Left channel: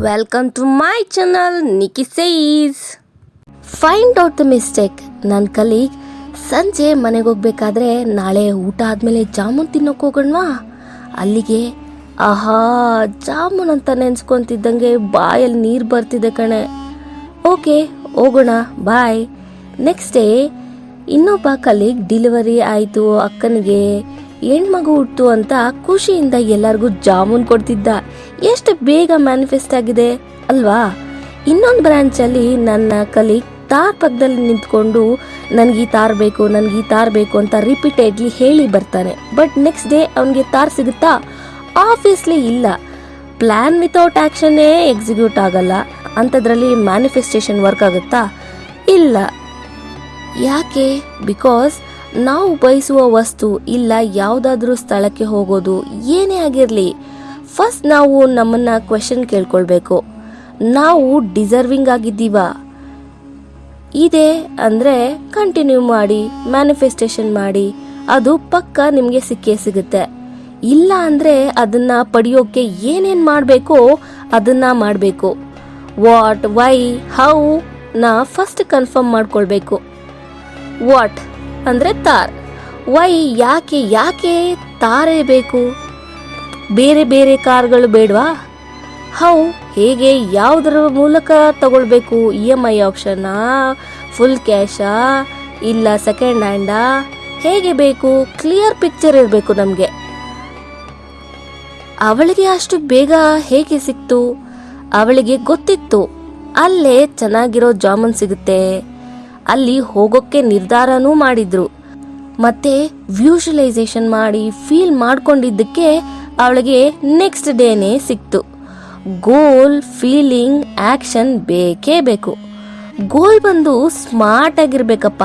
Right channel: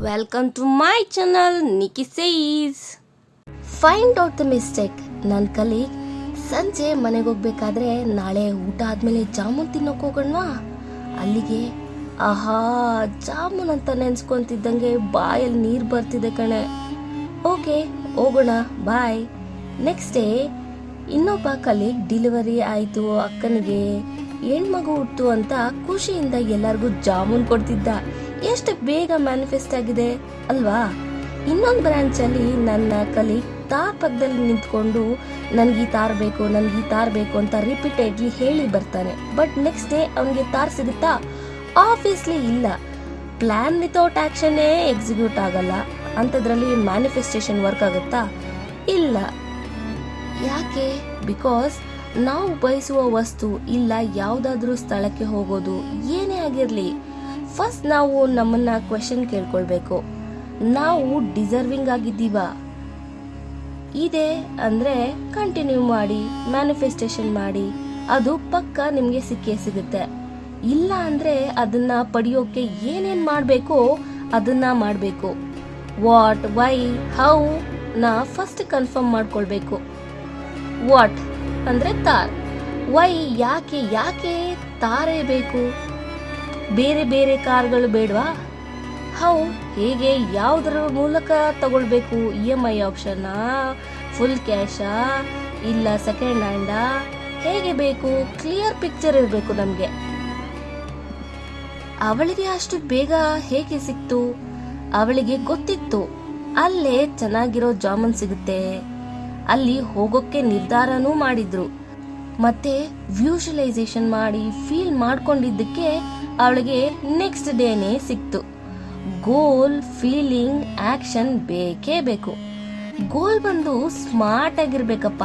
Welcome to my channel, Nikki Says. Find out the mistake. ನನ್ನ colleague ಸಂಜೆ ಮನೆಗೆ ಹೋಗ್ಬೇಕಾದ್ರೆ ನಾಳೆ ಊಟ ಆದಮೇಲೆ ಜಾಮೂನ್ ತಿನ್ನೋಕೆ ಹೋಗೋಣವಾ ಅಲ್ಲಿಗೆ ಆಹಾ ಜಾಮೂನ್ ಅಂತ ನೆನ್ಸ್ಕೊಂತಿದ್ದಂಗೆ ಬಾಯಲ್ಲಿ ನೀರು ಬರ್ತಿದೆ ಕಣೆ. ಓಕೆ ಹೋಗೋಣ ಬಾಯ್. ನೆಕ್ಸ್ಟ್ ಡೇ ಇನ್ನೊಬ್ಬ ಕಲೀಗ್ ಡೆಲಿವರಿ ಆಯಿತು, ಅಕ್ಕನಿಗೆ ಹೆಣ್ಮಗು ಹುಟ್ಟು ಅಂತ ಖುಷಿಯಿಂದ ಎಲ್ಲರಿಗೂ ಜಾಮೂನ್ ಕೊಡ್ತಿದ್ದ. ಎಷ್ಟು ಬೇಗ ಮ್ಯಾನಿಫೆಸ್ಟ್ ಆಗಿದೆ ಅಲ್ವಾ. ಇನ್ನೊಂದು ಬ್ರಾಂಚಲ್ಲಿ ನನ್ನ ಕಲೀಗ್ ತಾರ್ ಪಕ್ಕದಲ್ಲಿ ನಿಂತ್ಕೊಂಡು ನನಗೆ ಈ ತಾರ್ ಬೇಕು ನನಗೆ ಈ ತಾರ್ ಬೇಕು ಅಂತ ರಿಪೀಟೆಡ್ಲಿ ಹೇಳಿ ಬರ್ತಾನೆ. ಬಟ್ ನೆಕ್ಸ್ಟ್ ಡೇ ಅವನಿಗೆ ತಾರ್ ಸಿಗುತ್ತಾ? ಆಬ್ವಿಯಸ್ಲಿ ಇಲ್ಲ. ಪ್ಲಾನ್ ವಿತೌಟ್ ಆ್ಯಕ್ಷನ್ನೇ ಎಕ್ಸಿಕ್ಯೂಟ್ ಆಗಲ್ಲ. ಅಂಥದ್ರಲ್ಲಿ ಮ್ಯಾನಿಫೆಸ್ಟೇಷನ್ ವರ್ಕ್ ಆಗುತ್ತಾ? ಇಲ್ಲ. ಯಾಕೆ? ಬಿಕಾಸ್ ನಾವು ಬಯಸುವ ವಸ್ತು ಇಲ್ಲ ಯಾವುದಾದ್ರೂ ಸ್ಥಳಕ್ಕೆ ಹೋಗೋದು ಏನೇ ಆಗಿರಲಿ, ಫಸ್ಟ್ ನಾವು ನಮ್ಮನ್ನ ಕ್ವೆಶನ್ ಕೇಳ್ಕೊಳ್ಬೇಕು. ನಾವು ಡಿಸರ್ವಿಂಗ್ ಆಗಿದ್ದೀವಾ? ಇದೆ ಅಂದರೆ ಕಂಟಿನ್ಯೂ ಮಾಡಿ, ಮ್ಯಾನಿಫೆಸ್ಟೇಷನ್ ಮಾಡಿ, ಅದು ಪಕ್ಕ ನಿಮಗೆ ಸಿಕ್ಕೇ ಸಿಗುತ್ತೆ. ಇಲ್ಲ ಅಂದರೆ ಅದನ್ನು ಪಡೆಯೋಕ್ಕೆ ಏನೇನು ಮಾಡಬೇಕೋ ಅದನ್ನು ಮಾಡಬೇಕು. ವಾಟ್, ವೈ, ಹೌ ನಾ ಫಸ್ಟ್ ಕನ್ಫರ್ಮ್ ಮಾಡ್ಕೊಳ್ಬೇಕು. ವಾಟ್ ಅಂದರೆ ತಾರ್, ವೈ ಯಾಕೆ ತಾರೇ ಬೇಕು, ಬೇರೆ ಬೇರೆ ಕಾರ್ಗಳು ಬೇಡವಾ? ಹೌ ಹೇಗೆ, ಯಾವುದರ ಮೂಲಕ ತಗೊಳ್ಬೇಕು? EMI ಆಪ್ಷನಾ, ಫುಲ್ ಕ್ಯಾಶಾ, ಇಲ್ಲ ಸೆಕೆಂಡ್ ಹ್ಯಾಂಡಾ, ಹೇಗೆ ಬೇಕು? ಕ್ಲಿಯರ್ ಪಿಕ್ಚರ್ ಇರಬೇಕು ನಮಗೆ. ಅವಳಿಗೆ ಅಷ್ಟು ಬೇಗ ಹೇಗೆ ಸಿಕ್ತು? ಅವಳಿಗೆ ಗೊತ್ತಿತ್ತು ಅಲ್ಲೇ ಚೆನ್ನಾಗಿರೋ ಜಾಮೂನ್ ಸಿಗುತ್ತೆ, ಅಲ್ಲಿ ಹೋಗೋಕ್ಕೆ ನಿರ್ಧಾರನೂ ಮಾಡಿದ್ರು. ಮತ್ತೆ ವ್ಯೂಷಲೈಸೇಷನ್ ಮಾಡಿ ಫೀಲ್ ಮಾಡ್ಕೊಂಡಿದ್ದಕ್ಕೆ ಅವಳಿಗೆ ನೆಕ್ಸ್ಟ್ ಡೇನೇ ಸಿಕ್ತು. ಗೋಲ್, ಫೀಲಿಂಗ್, ಆಕ್ಷನ್ ಬೇಕೇ ಬೇಕು. ಗೋಲ್ ಬಂದು ಸ್ಮಾರ್ಟ್ ಆಗಿರ್ಬೇಕಪ್ಪ,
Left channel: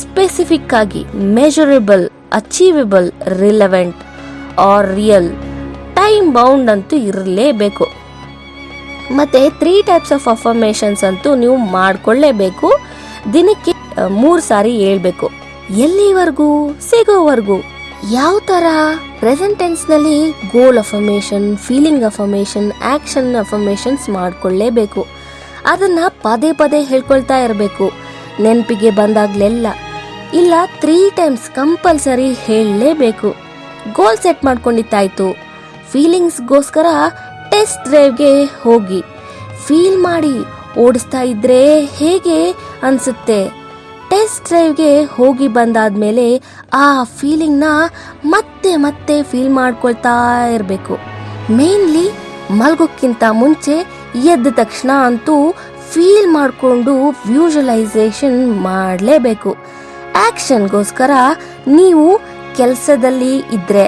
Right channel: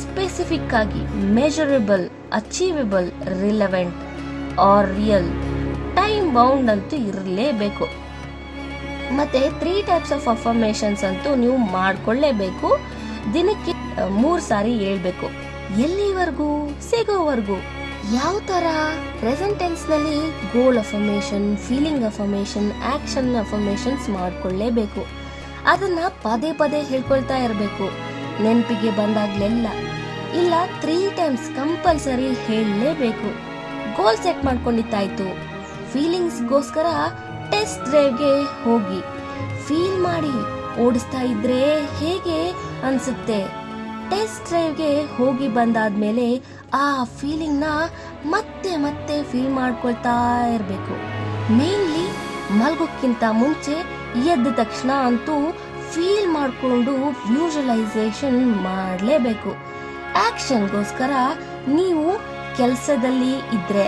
ಸ್ಪೆಸಿಫಿಕ್ ಆಗಿ, measurable, achievable, relevant or real, time bound ಅಂತೂ ಇರಲೇಬೇಕು. ಮತ್ತೆ 3 ಟೈಪ್ಸ್ ಆಫ್ ಅಫರ್ಮೇಷನ್ಸ್ ಅಂತೂ ನೀವು ಮಾಡ್ಕೊಳ್ಳೇಬೇಕು. ದಿನಕ್ಕೆ 3 ಸಾರಿ ಹೇಳ್ಬೇಕು. ಎಲ್ಲಿವರೆಗೂ? ಸಿಗೋವರೆಗೂ. ಯಾವ ತರ? ಪ್ರೆಸೆಂಟ್ ಟೆನ್ಸ್ ನಲ್ಲಿ goal affirmation, feeling affirmation, action affirmations ಮಾಡ್ಕೊಳ್ಳೇಬೇಕು. ಅದನ್ನ ಪದೇ ಪದೇ ಹೇಳ್ಕೊಳ್ತಾ ಇರಬೇಕು ನೆನಪಿಗೆ ಬಂದಾಗ್ಲೆಲ್ಲ. ಇಲ್ಲ 3 ಟೈಮ್ಸ್ ಕಂಪಲ್ಸರಿ ಹೇಳಲೇಬೇಕು. Goal set ಮಾಡ್ಕೊಂಡಿತ್ತಾಯ್ತು. ಫೀಲಿಂಗ್ಸ್ಗೋಸ್ಕರ ಟೆಸ್ಟ್ ಡ್ರೈವ್ಗೆ ಹೋಗಿ ಫೀಲ್ ಮಾಡಿ. ಓಡಿಸ್ತಾ ಇದ್ರೆ ಹೇಗೆ ಅನ್ಸುತ್ತೆ? ಟೆಸ್ಟ್ ಡ್ರೈವ್ಗೆ ಹೋಗಿ ಬಂದಾದ್ಮೇಲೆ ಆ ಫೀಲಿಂಗ್ನ ಮತ್ತೆ ಮತ್ತೆ ಫೀಲ್ ಮಾಡ್ಕೊಳ್ತಾ ಇರಬೇಕು. ಮೇನ್ಲಿ ಮಲ್ಗೋಕ್ಕಿಂತ ಮುಂಚೆ ಎದ್ದ ತಕ್ಷಣ ಅಂತೂ ಫೀಲ್ ಮಾಡಿಕೊಂಡು ವ್ಯೂಷಲೈಸೇಷನ್ ಮಾಡಲೇಬೇಕು. ಆಕ್ಷನ್ಗೋಸ್ಕರ ನೀವು ಕೆಲಸದಲ್ಲಿ ಇದ್ರೆ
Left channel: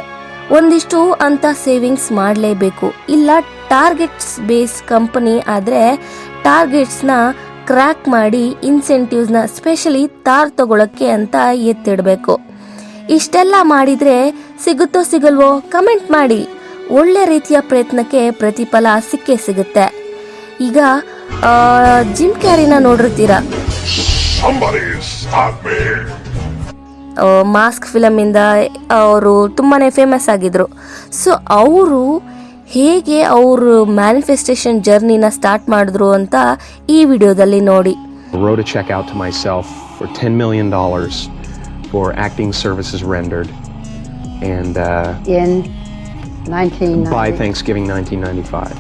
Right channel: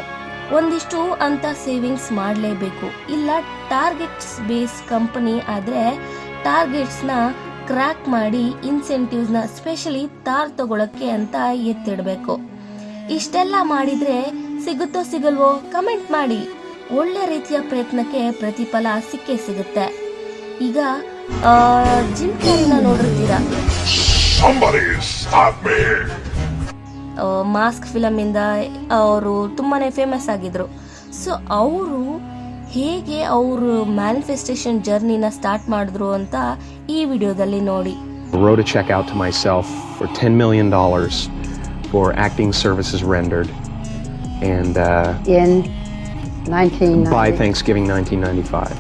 ಒಂದಿಷ್ಟು ಅಂತ ಸೇವಿಂಗ್ಸ್ ಮಾಡಲೇಬೇಕು. ಇಲ್ಲ ಟಾರ್ಗೆಟ್ಸ್ ಬೇಸ್ ಕಂಪನಿ ಆದರೆ ಟಾರ್ಗೆಟ್ಸ್ನ ಕ್ರ್ಯಾಕ್ ಮಾಡಿ ಇನ್ಸೆಂಟಿವ್ಸ್ನ ಸ್ಪೆಷಲಿ ತಾರ್ ತಗೊಳಕ್ಕೆ ಅಂತ ಎತ್ತಿಡಬೇಕು. ಇಷ್ಟೆಲ್ಲ ಮಾಡಿದರೆ ಸಿಗುತ್ತೋ ಸಿಗಲ್ವೋ ಕಮೆಂಟ್ ಮಾಡಿ. ಒಳ್ಳೆ ರೀತಿಯ ಪ್ರಯತ್ನಕ್ಕೆ ಪ್ರತಿಫಲ ಸಿಕ್ಕೇ ಸಿಗುತ್ತೆ. ಈಗ ಜಿಮ್ ಕ್ಯಾರಿನ ನೋಡಿರ್ತೀರಾ, ಮಾಸ್ಕ್ ಫಿಲಮಿಂದ ಅವರು ತುಂಬಾ ಫೇಮಸ್ ಆಗಿದ್ರು. ಸೊ ಅವರು ಹೇಗೆ ಅವರು ಮ್ಯಾನಿಫೆಸ್ಟೇಷನ್ ಜರ್ನಿನ ಸ್ಟಾರ್ಟ್ ಮಾಡಿದ್ರು ಅಂತ ಈ ವಿಡಿಯೋದಲ್ಲಿ ನೋಡಿ. Wrote a check out to myself for $10 million for acting services rendered, and in 1990. by Thanksgiving 1995,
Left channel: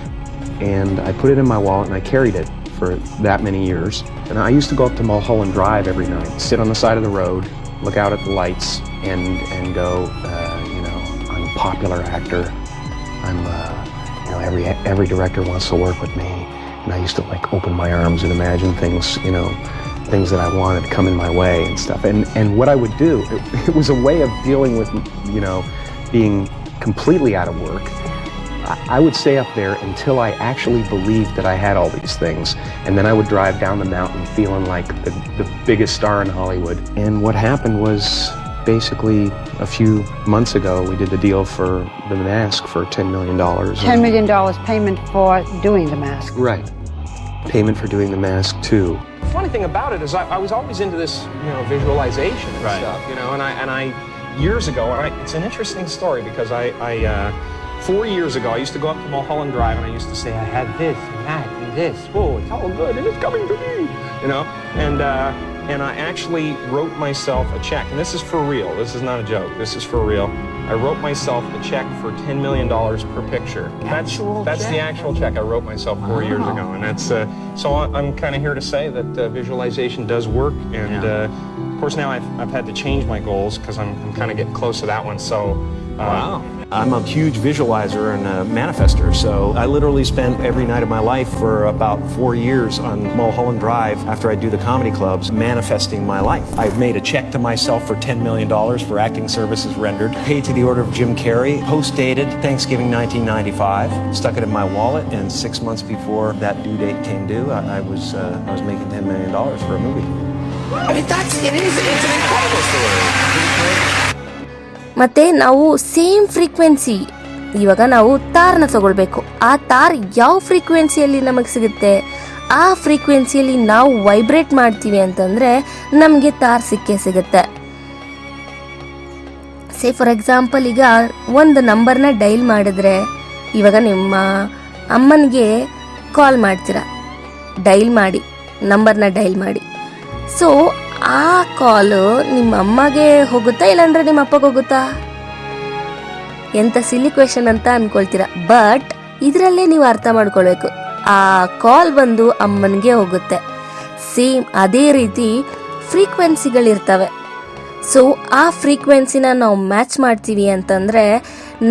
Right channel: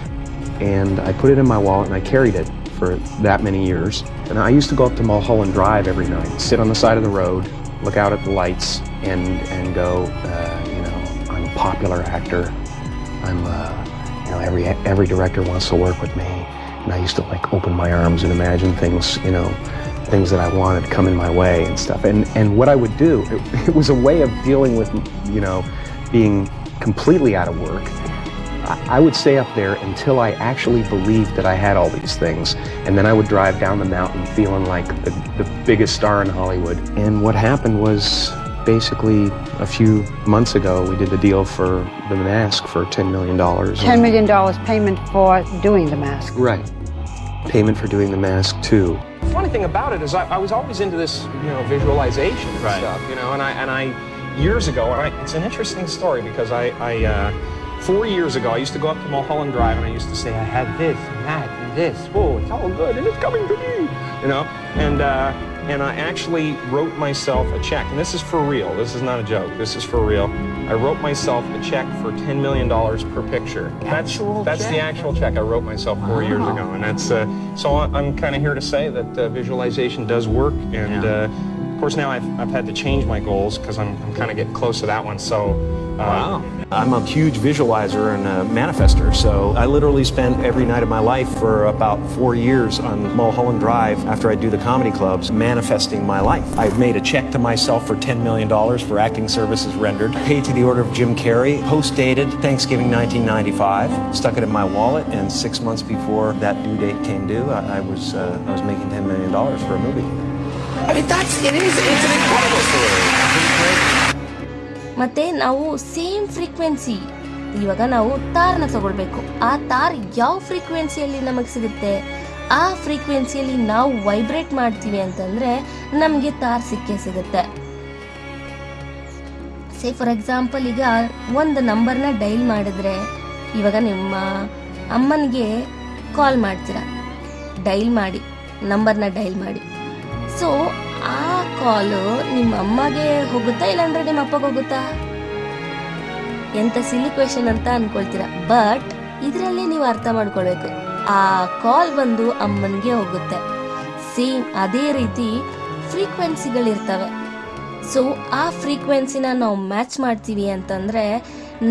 and I put it in my wallet and I carried it for that many years. And I used to go up to Mulholland Drive every night, sit on the side of the road, look out at the lights, and go, I'm a popular actor. I'm, every director wants to work with me, and I used to open my arms and imagine things, things that I wanted come in my way and stuff. And what I would do, it was a way of dealing with, being completely out of work. I would stay up there until I actually believed that I had all these things, and then I would drive down the mountain feeling like the biggest star in Hollywood. And what happened was, basically a few months ago we did the deal for The Mask for $10 million. $10 million payment for doing The Mask. Right. Payment for doing The Mask too. The funny thing about it is I was always into this, visualization and stuff, and I years ago, and it's an interesting story because I 4 years ago, I used to go up to Mulholland Drive and I used to say, I had this and that and this. Oh, it's all good and it's coming to me, you know? And I actually wrote myself a check. And this is for real. This is not a joke. This is for real. I wrote myself a check for $10 million per picture. That's the actual check I wrote myself 4 years ago. And that's, so I'm kind of here to say that visualization does work. And of course now I've had to change my goals because I'm kind of getting close to that one. So, Wow. I'm a huge visualizer and a manifester, so I literally spent every night of my life for about 4 years on Mulholland Drive after I do the comedy clubs manifesting my life. I've made a check to myself for $10 million for acting services rendered, paid to the order of Jim Carrey, post-dated Thanksgiving 1995, stuck it in my wallet, and 6 months before that due date came due, I was making $10 million for a movie. I mean, it's an incredible story. ಮತ್ತು ನಾವು same frequency, ಇವಾಗ ನಾವು ತಾರನ್ನ ತಗೊಳ್ಬೇಕು. ಆ ತಾರ್ ಯಾವ ಫ್ರೀಕ್ವೆನ್ಸಿಯಲ್ಲಿ ನಮಗೆ ಸಿಗುತ್ತೆ, ಆ ಫ್ರೀಕ್ವೆನ್ಸಿಯಲ್ಲಿ ನಾವು ವೈಬ್ರೇಟ್ ಮಾಡ್ತೀವಿ ಅಂತಂದರೆ ನಮಗೆ ತಾರ್ ಸಿಕ್ಕೇ ಸಿಗುತ್ತೆ. ಸೇ ಫಾರ್ ಎಕ್ಸಾಂಪಲ್, ಈಗ ಒಂದು ನಂಬರ್ನ ಡೈಲ್ ಮಾಡಿದ್ರೆ, ಇವಾಗ ನಿಮ್ಮ ಅಮ್ಮನಿಗೆ ಕಾಲ್ ಮಾಡ್ತೀರಾ, ನಂಬರ್ನ ಡೈಲ್ ಮಾಡಿ. ಸೊ ಆ ಕಾಲು ನಿಮ್ಮ ಅಮ್ಮಗೆ ಹೋಗುತ್ತಾ ಇಲ್ಲಾಂದ್ರೆ ನಿಮ್ಮ ಅಪ್ಪಗೆ ಹೋಗುತ್ತಾ? ಎಂತ ಸಿಲಿ ಕ್ವೆಶನ್ ಅಂತ ಅನ್ಕೊಳ್ತೀರಾ, ಬಟ್ ಇದರಲ್ಲೇ ನೀವು ಅರ್ಥ ಮಾಡ್ಕೊಳ್ಬೇಕು, ಆ ಕಾಲ್ ಬಂದು ಅಮ್ಮನಿಗೆ ಹೋಗುತ್ತೆ. ಸೇಮ್ ಅದೇ ರೀತಿ ಫ್ರೀಕ್ವೆನ್ಸಿಗಳಿರ್ತವೆ. ಸೊ ಆ ಫ್ರೀಕ್ವೆನ್ಸಿನ ನಾವು ಮ್ಯಾಚ್ ಮಾಡ್ತೀವಿ ಅಂತಂದರೆ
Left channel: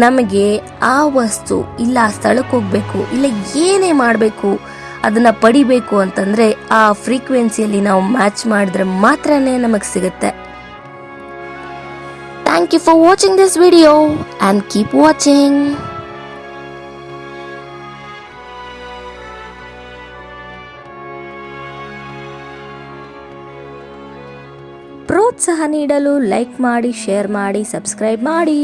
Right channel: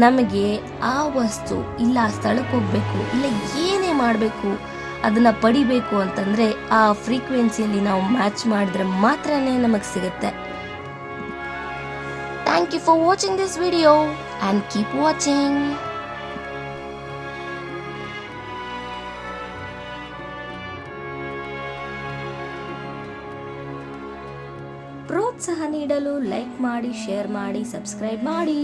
ನಮಗೆ ಆ ವಸ್ತು ಇಲ್ಲ ಆ ಸ್ಥಳಕ್ಕೆ ಹೋಗಬೇಕು ಇಲ್ಲ ಏನೇ ಮಾಡಬೇಕು ಅದನ್ನು ಪಡಿಬೇಕು ಅಂತಂದರೆ ಆ ಫ್ರೀಕ್ವೆನ್ಸಿಯಲ್ಲಿ ನಾವು ಮ್ಯಾಚ್ ಮಾಡಿದ್ರೆ ಮಾತ್ರನೇ ನಮಗೆ ಸಿಗುತ್ತೆ. Thank you for watching this video and keep watching. ಪ್ರೋತ್ಸಾಹ ನೀಡಲು ಲೈಕ್ ಮಾಡಿ, ಶೇರ್ ಮಾಡಿ, ಸಬ್ಸ್ಕ್ರೈಬ್ ಮಾಡಿ.